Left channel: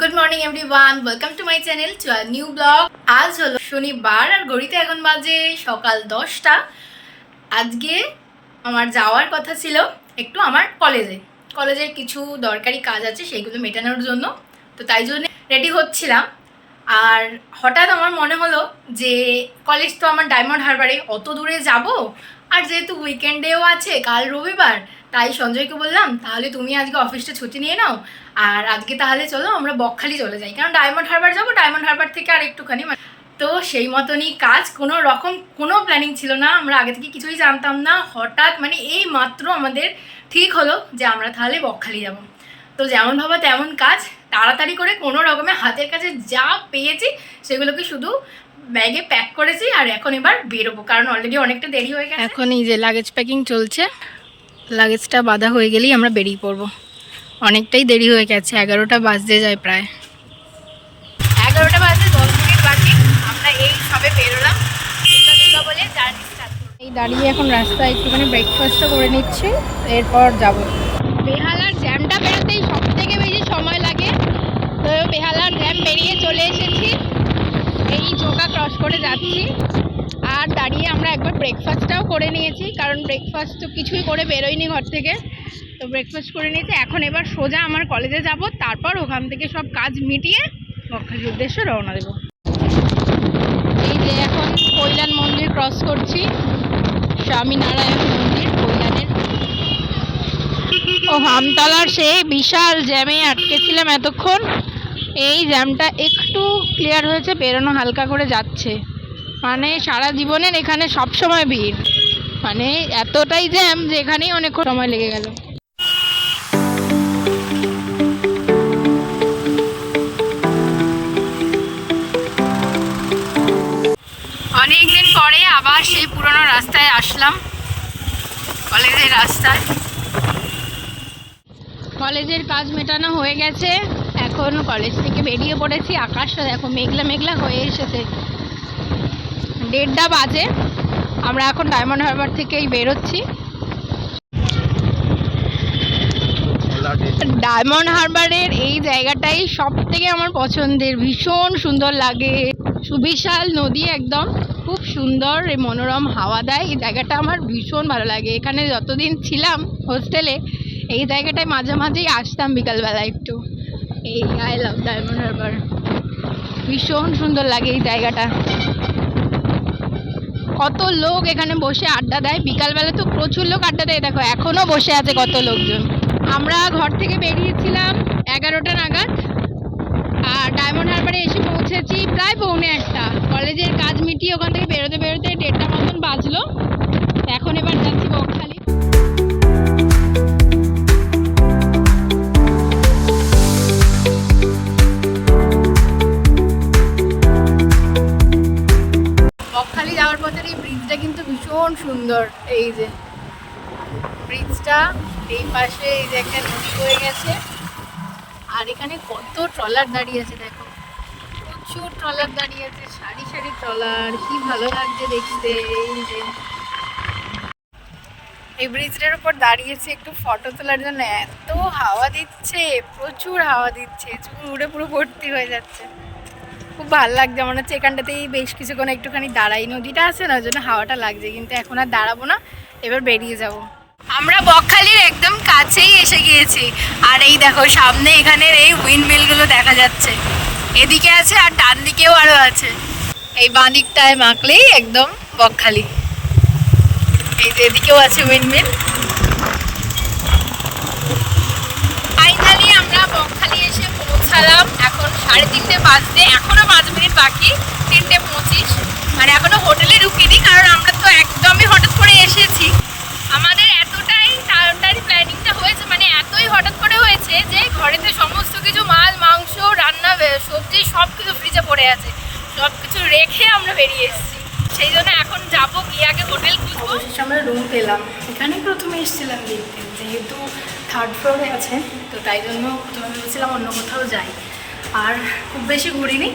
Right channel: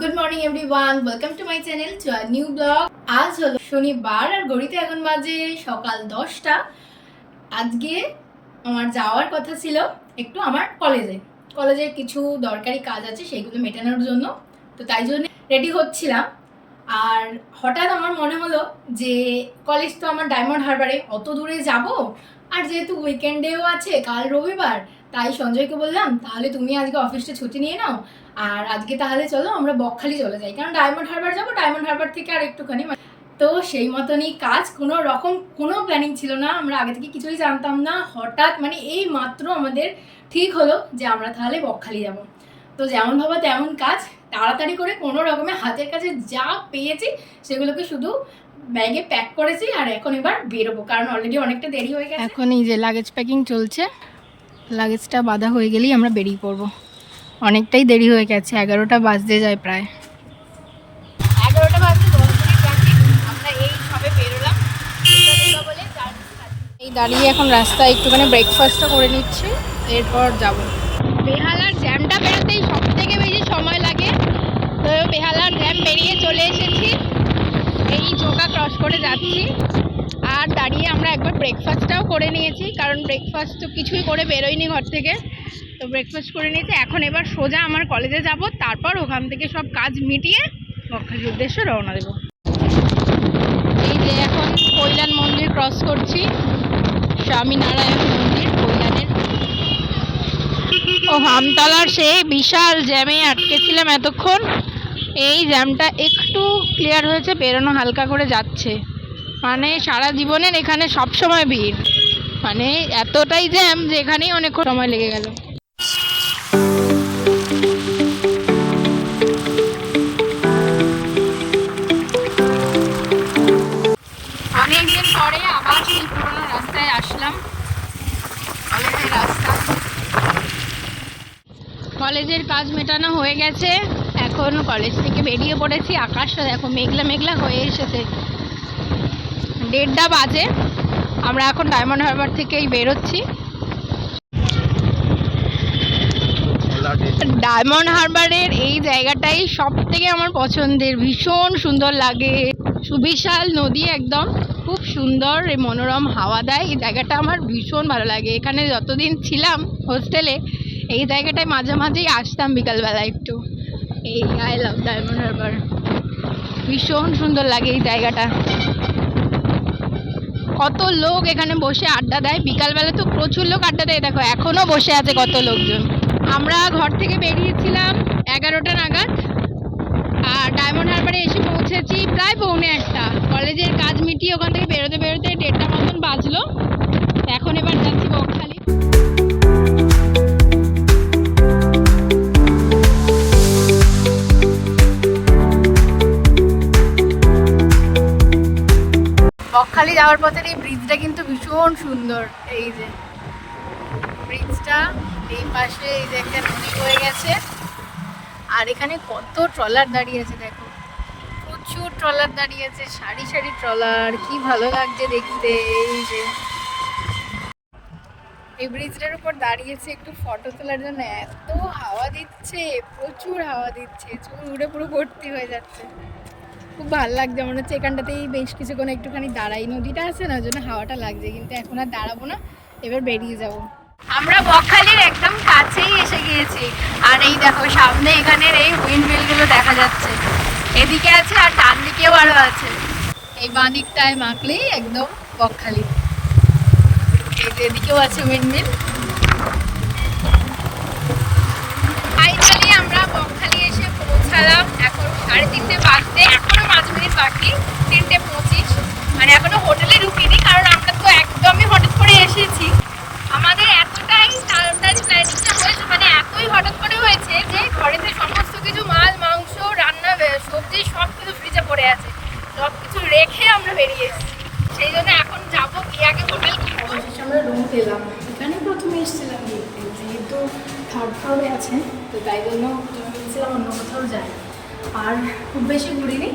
Good morning everyone, welcome to my channel to a new blog. আজ হলো শনিবার আর ঘড়িতে এখন বাজে সকাল 10টা। আজকে আমার যাওয়ার কথা ছিল একটু আমার কলেজের কিছু দরকারি কাজ আছে, সেইগুলো মেটানোর জন্য। তো তাই জন্য রেডি হচ্ছিলাম। আর হঠাৎ আমার মনে হলো যে কলেজ তো আমার ডায়মন্ড হারবারে, অত দূরে যাব, আর যেহেতু উইকেন্ডেও আছে, কাল রবিবার, তাই সঞ্জয়কে বললাম তাহলে তুমি আজকে অফিসটা ছুটি নিয়ে নাও, আর আজকে তাহলে চলো আমরা বকখালি চলে যাই, কারণ ডায়মন্ড হারবার যাবো, ডায়মন্ড হারবার থেকে আর একটুখানি। তো সেই মতনই কাজ, কোনো রকম কোনো প্ল্যানিং ছিল না, আমরা আগে থেকে কিছুই জানতাম না। হঠাৎ এই মাত্র আমাদের ঠিক হলো যে আমরা তাহলে বকখালি যাব। তো যেমন ভাবা তেমন কাজ, তাড়াতাড়ি করে কোনো রকমে হাতের কাছে যা পেয়েছি সেগুলোকে শুধু ব্যাগে প্যাক করেছি, আর এখন এবার বেরোবো, কারণ অলরেডি অনেকটা দেরি হয়ে গেছে। এখন এই যে লাগেজ প্যাকিং চলছে, লাগেজটা বাঁধা হয়ে গেলেই আমরা বেরিয়ে পড়বো। অনেকটাই দেরি হয়ে গেছে, 11টা বাজতে যায়, প্রায় 11টা বাজতে 10 মিনিট বাকি। আমরা এই সবে বেরোলাম বলে জার্নি স্টার্ট করব। এই দাঁড়িয়ে এখন রাস্তায় একটুখানি ব্রেকফাস্টও করে নিচ্ছি, এরপর যাব। বেহালার জ্যামটা বেরোতেই সব থেকে বেশি সময় লাগে, তো বেহালার জ্যাম বেরিয়ে চলে এসেছি, এই চোকা ক্রস করে যাচ্ছি। আর দাঁড়িয়ে আমরা একবার ব্রেকফাস্টটাও করে নিয়েছি, কারণ ব্রেকফাস্ট তো কিছুই করে বেরোয়নি ঘর থেকে, তো ব্রেকফাস্ট করে নিয়েছি। এখন এবার সোজা আমার কলেজে যাব, তারপর ওখান থেকে সব কাজ মিটিয়ে বকখালির উদ্দেশ্যে রওনা দেব। এই যে এখন কৈলান মন্দির ক্রস করছি, স্বামীনারায়ণ মন্দির কৈলানের। ও আমতলার সেই বিশাল জ্যামে আটকেছিলাম এতক্ষণ, এই জ্যামটা একটু ক্লিয়ার হয়েছে, বেরোনো হালকা করে যাচ্ছে। সারা জীবনের এখানে সব সময় ভিড়, এতটাই জ্যাম যে এখানেই অনেক সময় লেগে গেল। অনেকদিন পরে আবার সেই পুরনো রাস্তায় আসলাম, কলেজের রাস্তায়। কলেজের কাজ মেটানো হয়ে গেছে, এখন কলেজ থেকে বেরিয়ে পড়েছি। আকাশটা দেখো মেঘলা মেঘলা হয়ে এসেছে, 1:30 বাজে। আমরা এখন ডায়মন্ড হারবার থেকেই বেরোচ্ছি। ডায়মন্ড হারবারের এই জায়গাটাই সব থেকে আমার পছন্দের, ভীষণ সুন্দর লাগে। সুবিশাল নদী, একদম খুব সুন্দর, এই মনোরম হাওয়া দেয়। এই জায়গাটা আমার ভীষণ ভালো লাগে। এখানে যতদিন ছিলাম হোস্টেলে, এই জায়গাটায় মাঝে মাঝেই আসতাম বিকালবেলা একটু। এই আই লাভ ডায়মন্ড হারবার, ভীষণ সুন্দর লাগে এই জায়গাটা। কত লোক এখানে বসে আড্ডা দেয়, বিকালবেলা তো প্রচুর লোক আড্ডা দেয়, দেখো এখনো বসে আছে কত লোকজন। আমরা ঘর থেকে বেরিয়েছিলাম 11টা নাগাদ, আর ডায়মন্ড হারবারে এসে পৌঁছেছি প্রায় 1:45। কলেজের কাজ মিটিয়ে ওখান থেকে বেরোতে বেরোতে 1:30 মতন বাজলো। এখন এবার যাচ্ছি বকখালি। বকখালি যাওয়ার পথের এই ব্রিজটা কিন্তু ভীষণ সুন্দর। এই যে ব্রিজটা, এই পাশে এই যে একটা নদী বয়ে গেছে, আর এখানে কত ট্রলার দাঁড়িয়ে আছে, দেখো প্রচুর ট্রলার দাঁড়িয়ে আছে, সারি সারি ট্রলার, কি ভালো লাগছে দেখতে। এই যে এই ব্রিজটার উপর দাঁড়িয়েছে একটু ফটো তোলার জন্য, এত হাওয়া দিচ্ছে, প্রচুর হাওয়া দিচ্ছে, চুল উড়ে পুরো ভর্তি হয়ে যাচ্ছে। খুব ভালো লাগছে, মনে হচ্ছে এখানটাতেই বেশ কিছুক্ষণ একটুখানি দাঁড়াই, নদীটা আছে না, ওই জন্য হাওয়াটা লাগছে। কিন্তু এখন আর দাঁড়াবো না, এবার বেরিয়ে যাব। আমরা বকখালির একদম কাছেই এসে গিয়েছি, আর এই দেখো সামনে এখানের এই উইন্ডমিলগুলো দেখা যাচ্ছে, এদিকে আছে আর ডান দিকেও আরও আছে। এই বাঁ দিকটায় মাখলেই একদম বকখালি, এই যে এদিকেও আছে উইন্ডমিল। ফাইনালি আমরা বকখালি এসে পৌঁছালাম, এখন 3:30 বাজতে, এখনো 5 মিনিট বাকি 3:25। এখনো হোটেলে ঢুকিনি, কারণ আমরা তো একদমই হঠাৎ করে এসেছি। আমাদের এতটাই তাড়াতাড়ি প্ল্যানিংটা হয়েছে, এতই হঠাৎ করে হয়েছে যে ঘরেতে সমস্ত কিছু মাল মাংস রান্না সবজি সব কিছু ফ্রিজে পড়ে আছে, সব কিছু রেখে আমরা বেরিয়ে এসেছি। সেই জন্য এখন যাবো, গিয়ে আগে হোটেল খুঁজবো। অবশেষে আমরা রুম পেলাম, এখানে প্রথমে এসেছিলাম দেখতে, যেহেতু 3rd ফ্লোরে আছে, তো তাই জন্য প্রথমে ভেবেছিলাম অন্য কোথাও যাই। আর খুব বেশি ঘুরিনি,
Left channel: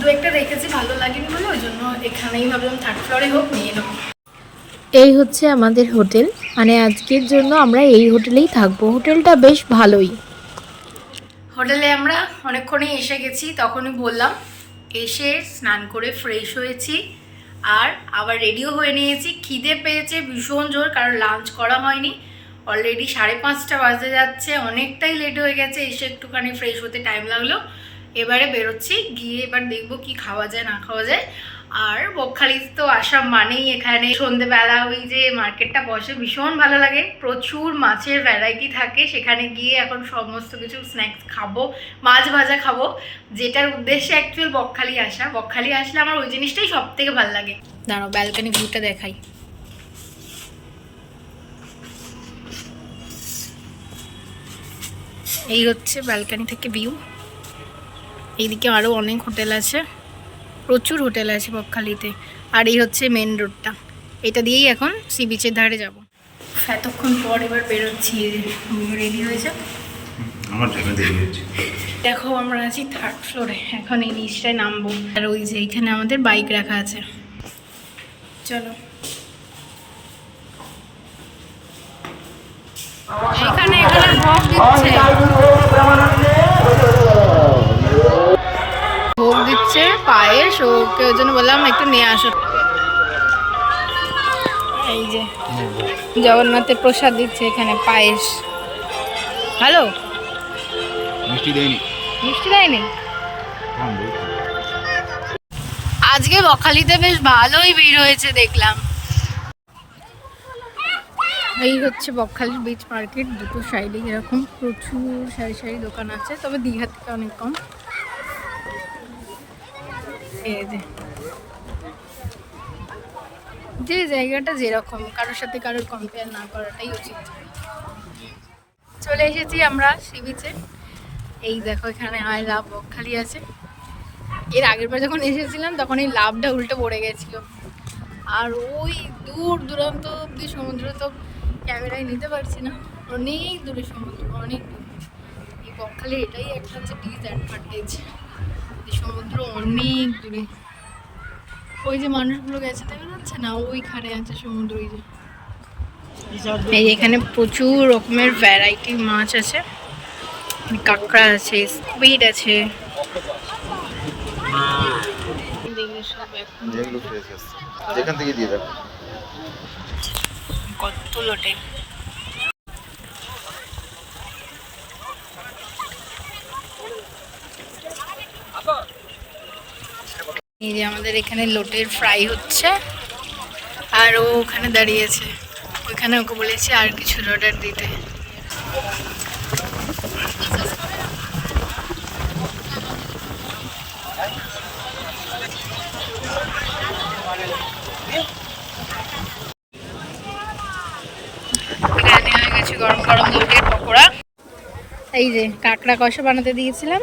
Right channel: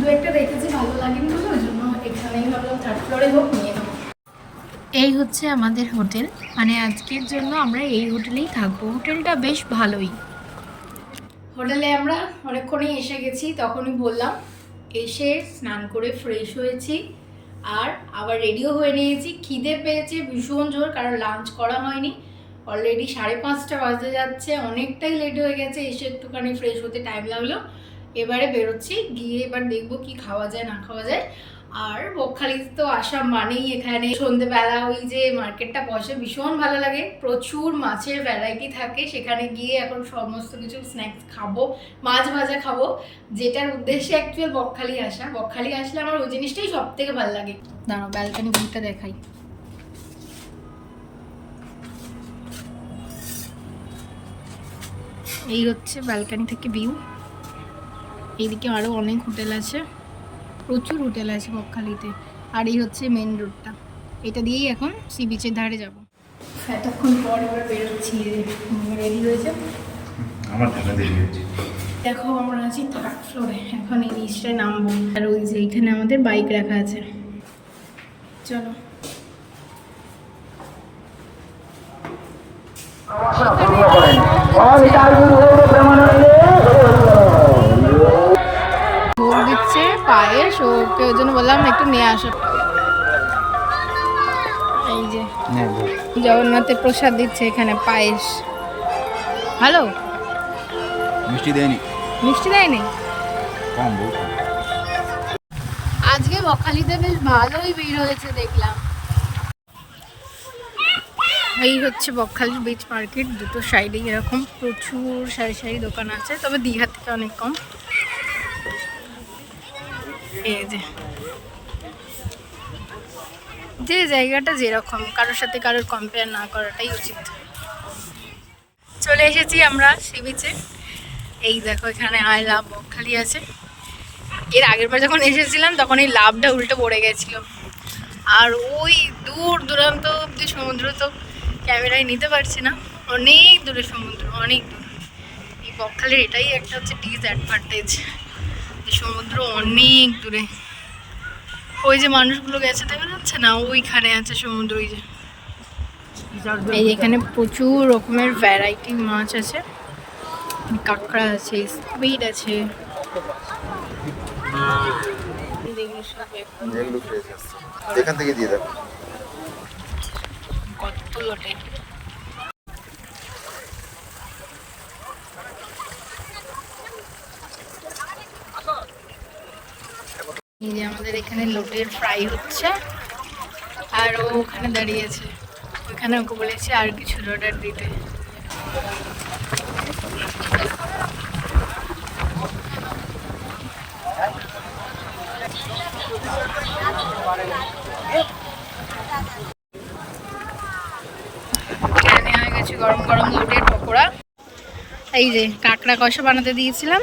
2-একটা রেখেছি, ভালো লাগেনি বলে ওই জন্য এখানেই ভাবলাম 3rd ফ্লোরে হোক নিয়ে নেবো। এই হচ্ছে আমাদের হোটেল, আজকের জন্য আমরা এই হোটেলেই থাকবো। হোটেলটা বেশ ভালোই। হোটেলে আমরা অনেকক্ষণই এসে গেছি, তখনই বললাম। এসে স্নান করে ফ্রেশ হয়েছি আর আবার রেডিও হয়ে নিয়েছি। খিদে পেয়েছে ভীষণ জোর, কারণ লাঞ্চ করা হয়নি। অলরেডি 5:30 বাজতে যাচ্ছে, অনেকটাই লেট হয়ে গেছে। এসে একটুখানি ফ্রেশ হতে টাইম লাগলো। এবারে বেরোচ্ছি, গিয়ে এবার দেখবো কি খাওয়া যায় না খাওয়া যায়। আর বকখালি তো আসাম মানেই এখানে সন্ধেবেলা ওই যে মার্কেটটা বসে ভীষণ ভালো লাগে, প্রচুর মাছের ভ্যারাইটি থাকে। সেখানে গিয়ে এখন সমস্ত কিছু স্ন্যাক্স খাবো, মাছ ভাজা খাবো, যেটার উদ্দেশ্যে অ্যাকচুয়াল বকখালি আসা। বকখালি আসলে আমার ওই জিনিসটাই সব থেকে ভালো লাগে। দাঁড়াও ব্যালকনি ভিউটা দেখাই। এই হচ্ছে ব্যালকনি থেকে ভিউ। এইদিকে আরও অনেক হোটেল আছে, প্রচুর হোটেল আছে বকখালিতে। আর এই হচ্ছে মেন রোডটা, এটা দিয়েই এখন সি বিচের ধারে যাব। এতক্ষণ পর এবার বেরোচ্ছি, রেডি হয়েছে। আমার জায়গা দিয়ে দিয়েছি। দেখো আমরা আছি 3rd ফ্লোরে, এখন এই নিচটায় নামবো। আর ওই যে এইখানে আমাদের বাইক রাখা আছে, চলো। এখানে এখানে ভোগ দিচ্ছে, ভোগ দিচ্ছে পায়েস। ওকে ওই জন্য বললাম একটু নিয়ে আসো। এই যে জগন্নাথের প্রসাদ দিচ্ছে এখানে, পায়েস। ভালো মিষ্টি দেয়নি, মিষ্টি দেয়নি কম বহু। আজকে বকখালিতে বেশ ভালোই ভিড় হয়েছে দেখলাম। এই হচ্ছে বকখালির বিচ মার্কেট, দুটো সাইডে এরকম প্রচুর সারি সারি দোকান আছে, তবে দীঘার থেকে অনেক কম। এই যে জায়গাটা যেরকম, কারোর সাথে কারোর কম্পেয়ার না করাটাই উচিত। চলে এসেছি আমরা সি বিচে। এই দেখো এখানে আই লাভ বকখালি আছে। এর আগের বার যখন এসেছিলাম তখন এই লাভটা উল্টে পড়ে গেছিল। আর ওই দূর দূরান্ত অব্দি সমুদ্র তো ক্যামেরায় নিতে পারছি না, অনেক দূরে সমুদ্র, অনেক দূর। এই বকখালির এটাই একটা হচ্ছে ডিসঅ্যাডভান্টেজ, যে সমুদ্র অনেক দূরে। ওই যে মানুষগুলো গেছে দেখা যাচ্ছে না, ওইখানে আছে সমুদ্র। ওই যে এই এখানে প্রচুর রকমের ভ্যারাইটি মাছ আছে, কাঁকড়া আছে, স্কুইড আছে। এখান থেকে দিয়ে দেন। কত লোটে। এই যে আমাদের এখানে লোটের ফ্রাই হচ্ছে, আর ও ওখানে দাঁড়িয়েছে। ওইখানে ওকে বলেছি আর কিছু অর্ডার দিতে। এখানে হয়ে গেছে গরম গরম লোটের পকোড়া। এই যে কাঁকড়া কষা বানাতে দিয়েছিলাম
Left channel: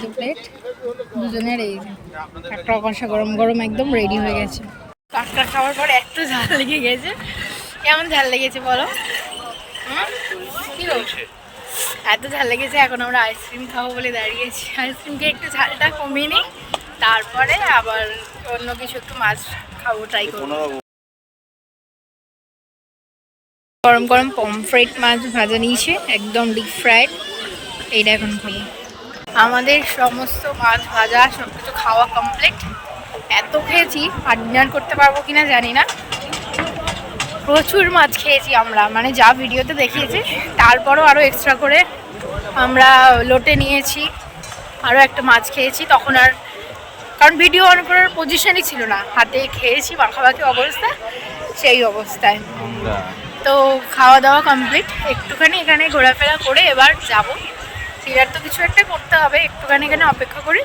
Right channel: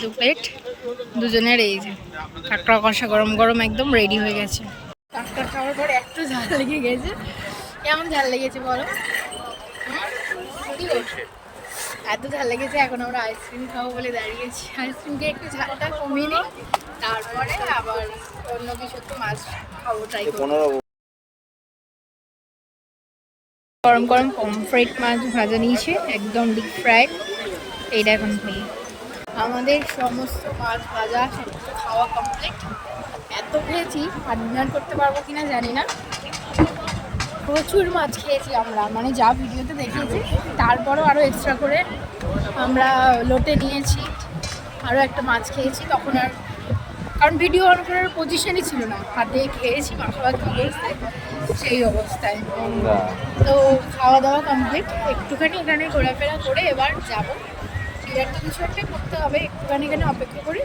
2 প্লেট দুজনের। এই যে কাঁকড়া কষা গরম গরম একদম রেডি হয়ে গেছে। কাঁকড়া খাওয়ার পর এত ঝাল লেগে গেছে। কেমন ঝাল লেগেছে বলো? কি বলছে? এত ঝাল লেগেছে। এখন আমরা আইসক্রিম খাবো বলে দাঁড়িয়েছি। আইসক্রিম খেয়ে একটু ঝালটা কমিয়ে নিই, তারপরে আবার অন্য কিছু একটু মাছ খাবো, ট্রাই করবো। গরম গরম পমফ্রেট মাছ ভাজা নিয়েছে, একদম ডিপ ফ্রাইড। এইটা এখন খাবো। আমাদের সমস্ত মাছ ভাজা সব কিছু খাওয়া কমপ্লিট। এত খেয়েছি, আর ডিনার করতে পারবো কিনা জানি না। প্রচুর মাছ খেয়েছি আমরা, মানে যা ভিডিওতে দেখিয়েছি তারপরও আরও এক্সট্রা করে আমরা লোটে নিয়েছি, আরও একটা মাছ খেয়েছি। তখন আর কারণ ভিডিও অন করার পজিশনই ছিল না, হাতে খেয়েছি মাখামাখি অবস্থা, সেই অবস্থায়। তো খাওয়া দাওয়া কমপ্লিট, একটুখানি এখানে ঘোরাফেরা করে এবার যাব। সিরার তো কিছু একটা করতে হবে, একটুখানি এখানে অপেক্ষা করি,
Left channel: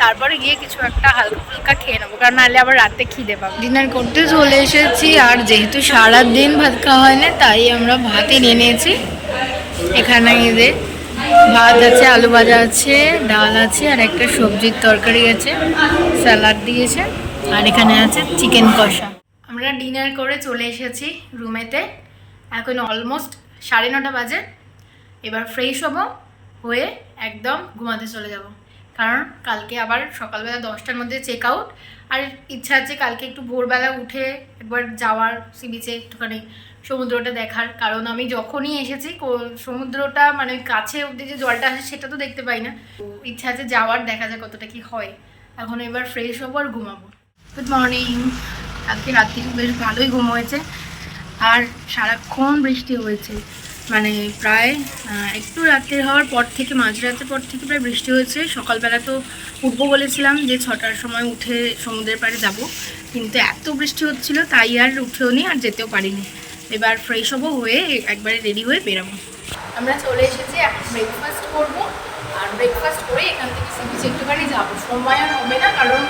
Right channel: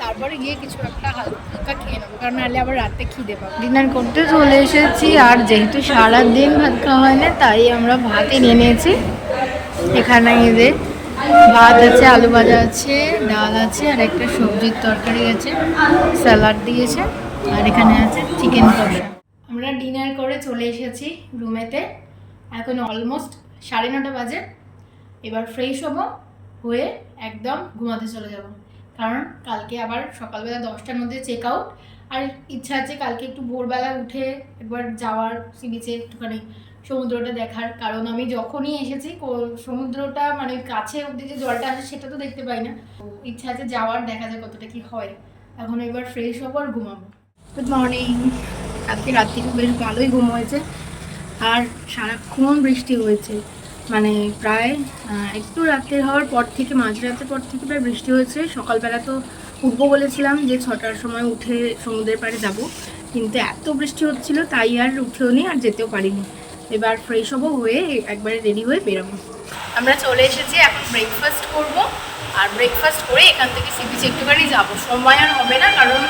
তারপরে গিয়ে কিছু একটা হালকা ফুলকা খেয়ে নেবো, কারণ নাহলে আবার রাতে খিদে পাবো। ডিনার করতে চলে এসেছি, আর যেহেতু সারাদিন ভাত খাওয়া হয় না, তাই আমরা ভাতই নিয়ে নিয়েছি। এখানে এদের ভাত আছে, আলু ভাজা আছে, ডাল আছে, আর একটা সবজির তরকারি আছে, স্যালাড দিয়েছে, আর এখানে আছে চিকেন কষা। আমরা ডিনার করে চলে এসেছি রুমেতে। এখন অলমোস্ট 9:30 বাজে। এবার ফ্রেশ হবো, হয়ে একদম ঘুমাতে চলে যাব, কারণ কালকে আবার সকালবেলা 10টার মধ্যে চেক আউট। আর ইচ্ছা আছে কালকে একটু ভোরবেলা উঠে একবার যাওয়ার, সি বিচে একটুখানি সমুদ্রটা দেখার, কারণ আমি যখনই এসেছি সমুদ্রটা মানে ওই কাছে অবধি যে জলটা আসে সেটা তো দেখতে পাই না। তো ইচ্ছা আছে যাওয়ার, দেখা যায় কতটা কি হয়। এখন এবার ফ্রেশ হবো আর ঘুমাবো। Good morning. আজকে রাত্রি বেশ ভালোই ঘুম হয়েছে, আর সারাক্ষণ বৃষ্টি হয়েছে, মানে প্রায় একটু রাত্রে হওয়ার পর থেকে, মাঝরাতের পর থেকে প্রায় বৃষ্টি হয়েছে। সকালবেলা তো উঠবো বলেছিলাম যে 6টার সময় উঠে সমুদ্রের পাড়ে যাব, কিন্তু এত বৃষ্টি হচ্ছিল তাই আর উঠেও নি আর যেতেও পারিনি। এবার ফ্রেশ হবো, হয়ে একবারে রেডি হয়ে বেরোবো। আমরা চলে এসেছি, এখন ব্রেকফাস্ট করব, আর ব্রেকফাস্ট করে এখান থেকে সি বিচে একটুখানি যাবো। সময় আর হবে না, কারণ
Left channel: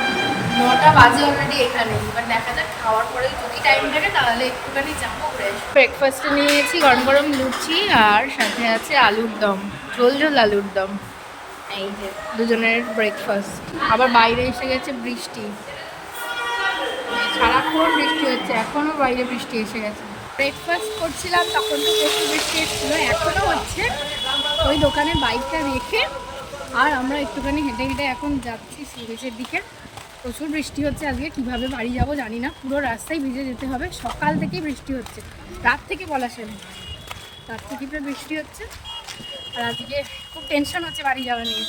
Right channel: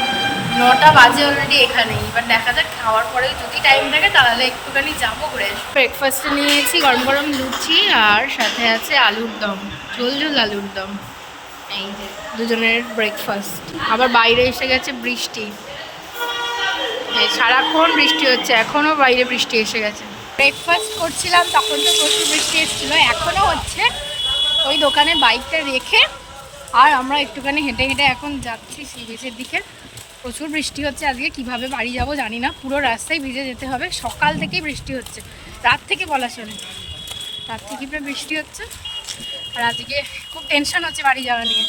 9টা বাজে অলরেডি এখানে। এবার দেখা যাক, খাওয়ার পরে যদি টাইম থাকে তাহলে একটুখানি যাবো, ঘুরে আসবো। ব্রেকফাস্টে নিয়েছি গরম গরম লুচি, আর সাথে আছে আলুর দম, ঝোল ঝোল আলুর দম। এই যে দুজনের ব্রেকফাস্ট। আবার বাইরে এসে গেছে বৃষ্টি, সারাক্ষণ বৃষ্টি হচ্ছে, এখনও বাইরে বৃষ্টি এসে গেছে। ব্রেকফাস্ট করছিলাম তখন তো প্রচুর বৃষ্টি এসেছিলো, এখনও হচ্ছে। ওই দোকানে বাইকটা রেখে আর আমরা একটুখানি হেঁটে হেঁটে এখন যাচ্ছি সি বিচের দিকে। প্রচুর বৃষ্টি হচ্ছে আজকে, কিভাবে বাড়ি যাব জানি না, পুরো রাস্তায় ভিজে যেতে হবে। সকাল থেকেই বৃষ্টি হচ্ছে, রাত থেকে বলা চলে, রাত থেকে প্রায় বৃষ্টি হচ্ছে। আর আজকে খুব টেনশন হচ্ছে বাড়ি যাওয়া নিয়ে।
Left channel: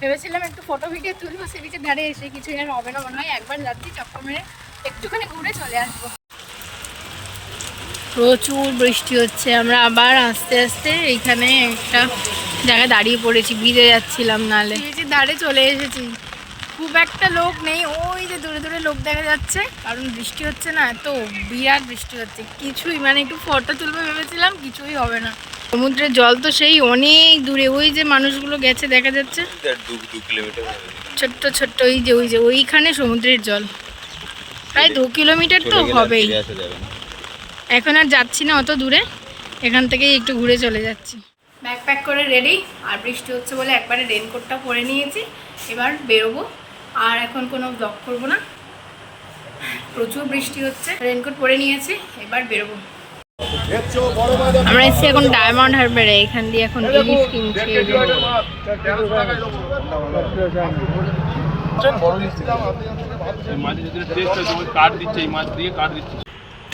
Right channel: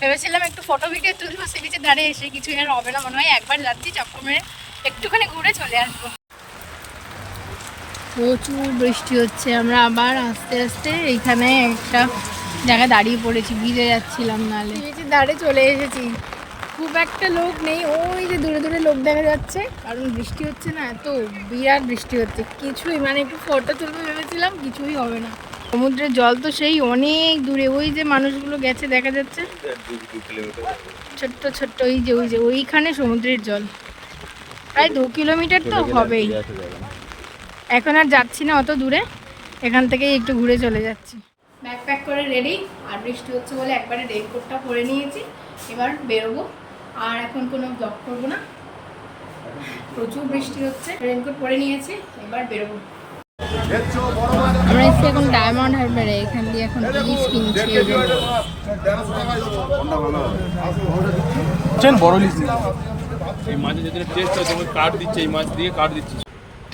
ভেবেছিলাম একটু ফটো ভিডিও তুলবো সি বিচের ধারে এসে, কিছুই আর হবে না মনে হয়। একবার যাচ্ছি, চক্কর মেরে একটুখানি ঘুরে চলে আসবো। প্রচুর বৃষ্টি হচ্ছে, আমরা আবার আস্তে আস্তে এইখানে একটা জায়গায় দাঁড়িয়ে পড়েছি, ভিজে যাচ্ছিলাম নালে। বিচের ধারে চলে এসেছি, খুব একটা লোক নেই, ওই যে দূরে দূরে লোক দেখা যাচ্ছে, কারণ বৃষ্টি হচ্ছে না, এত বিরাট বৃষ্টি হচ্ছে। কিছুই মানে একটু ফটো তুলবো ভেবেছিলাম, কিছুই হবে না। সমুদ্রের জল তো সেই অনেক দূরে, ওই যে মানুষগুলো গেছে দেখা যাচ্ছে, ছোট্ট ছোট্ট, ওই যে ওইখানে সমুদ্রের জল, প্রায় 2 কিলোমিটার তো হবেই। এখন আর যাচ্ছি না অত দূরে, এখান থেকেই একটু ঘুরে চলে যাচ্ছি। ব্যাগ প্যাক করে রেডি, আর বৃষ্টি হচ্ছে বলে একবারে রেনকোটটা পরে নিয়েছি। এবার বেরোবো, আর এখন কোনো ব্লগ করবো না, প্রচুর বৃষ্টি হচ্ছে। রেনকোট পরে নিয়েছি, এবার বেরোবো। আমরা এসেছি এখন ডায়মন্ড হারবারে, এখান দিয়ে এখন ইলিশ কিনছি।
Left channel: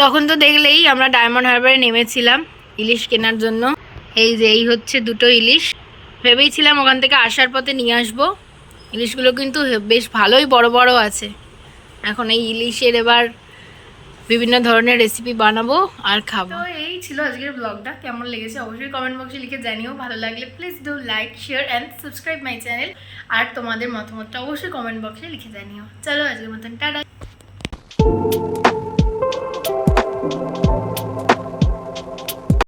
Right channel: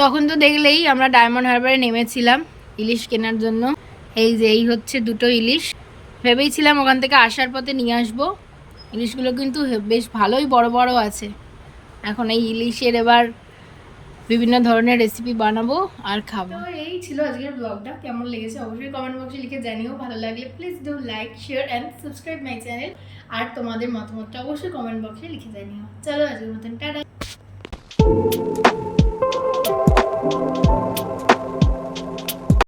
তখন তো দেখলেই আমরা ডায়মন্ড হারবারে নেমেছিলাম ইলিশ কেনার জন্য। এই যে এই হচ্ছে 2টো ইলিশ, ভেবেইছিলাম ওখান থেকে আসার পথে নিয়ে আসবো। ইলিশগুলো কিন্তু বেশ ভালোই বড় বড় আছে। এখন এই ইলিশের এবার বিভিন্ন ধরনের রেসিপি বানাবো আর খাবো। তো এই ছিল আজকের ব্লগটা, কেমন লেগেছে অবশ্যই কমেন্ট বক্সে লিখে জানিও। ভালো লাগলে please do like, share and subscribe my channel. আর তোমাদের মতামতটা অবশ্যই কমেন্ট বক্সে লিখে জানিও। চলো আজকের মতন টাটা।